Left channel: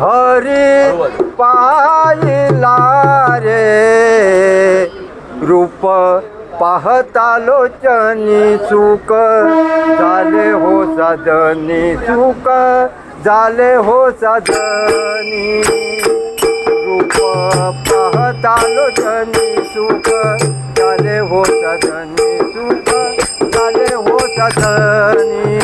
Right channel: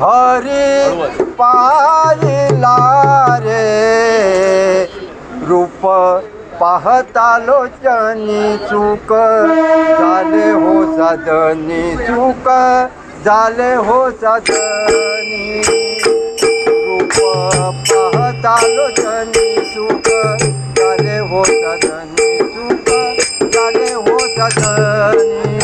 हरी पाहिला रे रूप पाहता लोचनी सुख झाले हो सदनी सुख झाले हो सदनी रूप पाहता लोचनी सुख झाले हो सदनी सुख झाले हो सदनी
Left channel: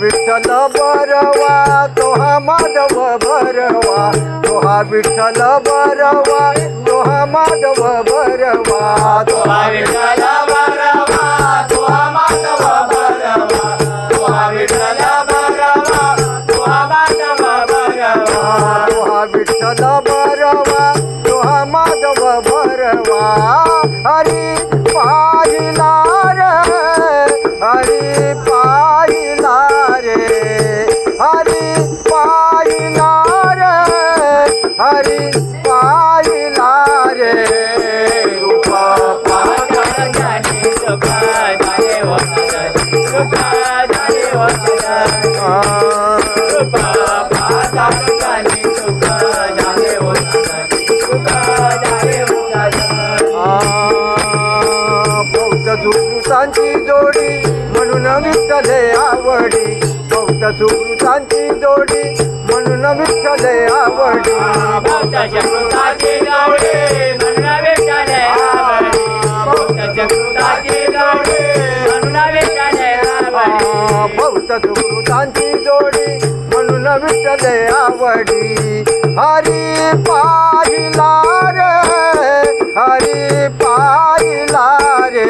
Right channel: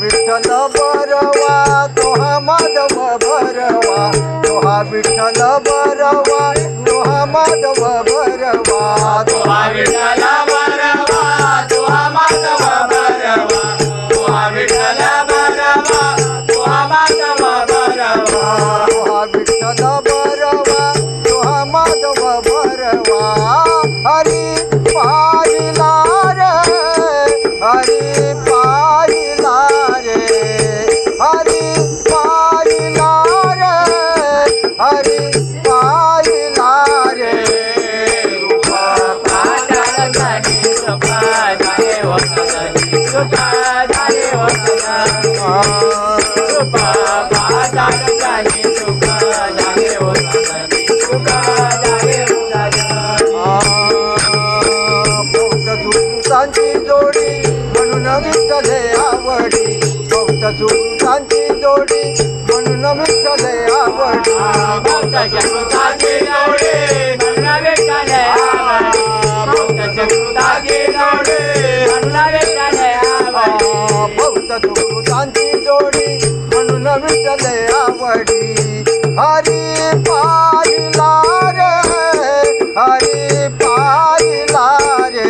विठ्ठल बरवा तोहा माधव बरवा तोहा विठ्ठल बरवा तोहा माधव बरवा तोहा विठ्ठल बरवा तोहा माधव बरवा तोहा विठ्ठल बरवा तोहा माधव बरवा तोहा विठ्ठल बरवा तोहा माधव बरवा हरी पाहिला रे हरी पाहिला जोडी म्हणून विठ्ठले आवडी भक्त सुखांची जोडी म्हणून विठ्ठले आवडी भक्त सुखांची जोडी म्हणून विठ्ठले आवडी भक्त सुखांची जोडी म्हणून विठ्ठले आवडी भक्त सुखांची जोडी म्हणून विठ्ठले आवडी हरी पाहिला रे हरी पाहिला रे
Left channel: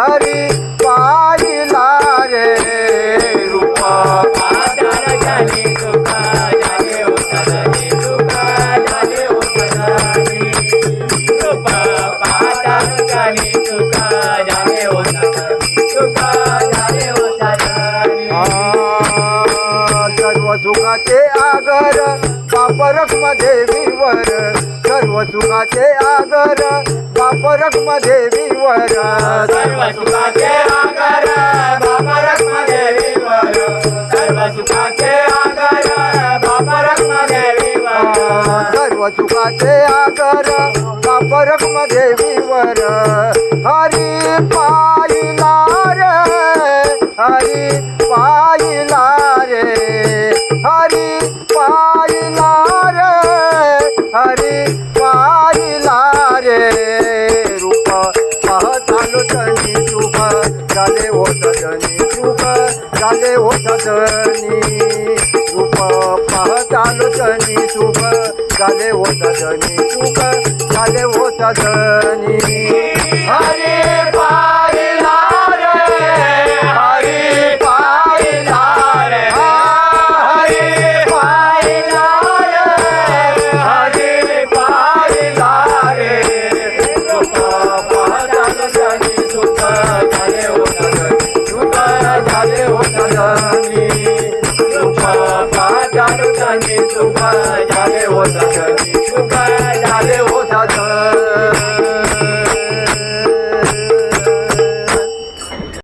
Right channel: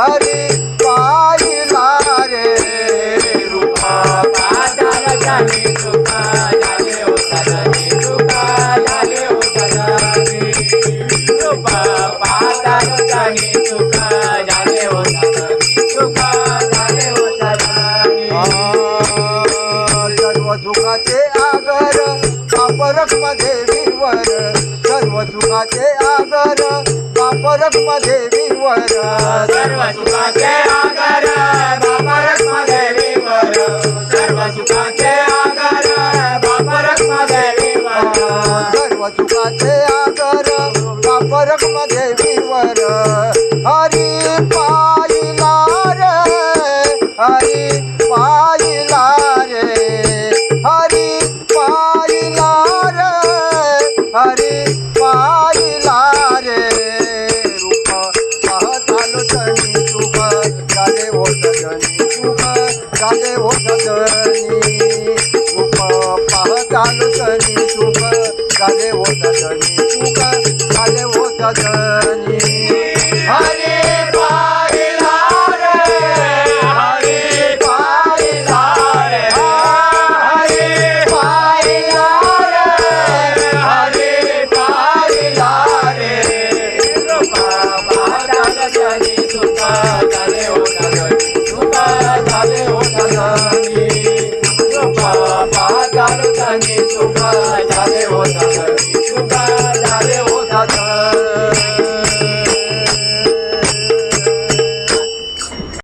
हरी पाहिला रे रूप पाहता लोचनी सुख झाले हो सदनी सुख झाले हो सदनी रूप पाहता लोचनी सुख झाले हो सदनी सुख झाले हो सदनी सर्व सुखाचे आगर बापरक मध्ये विवर सर्व सुखाचे आगर बापरक मध्ये विवर सर्व सुखाचे आगर बापरक मध्ये विवर सर्व सुखाचे आगर बापरक मध्ये विवर सर्व सुखाचे आगर बापरक मध्ये विवर हरी पाहिला रे हरी पाहिला रे हरी पाहिला रे हरी पाहिला रे रूप पाहता लोचनी सुख झाले हो सदनी सुख झाले हो सदनी रूप पाहता लोचनी सुख झाले हो सदनी सुख झाले हो सदनी हरी पाहिला रे हरी पाहिला रे हरी पाहिला रे हरी पाहिला रे रूप पाहता लोचनी सुख झाले हो सदनी सुख झाले हो सदनी रूप पाहता लोचनी सुख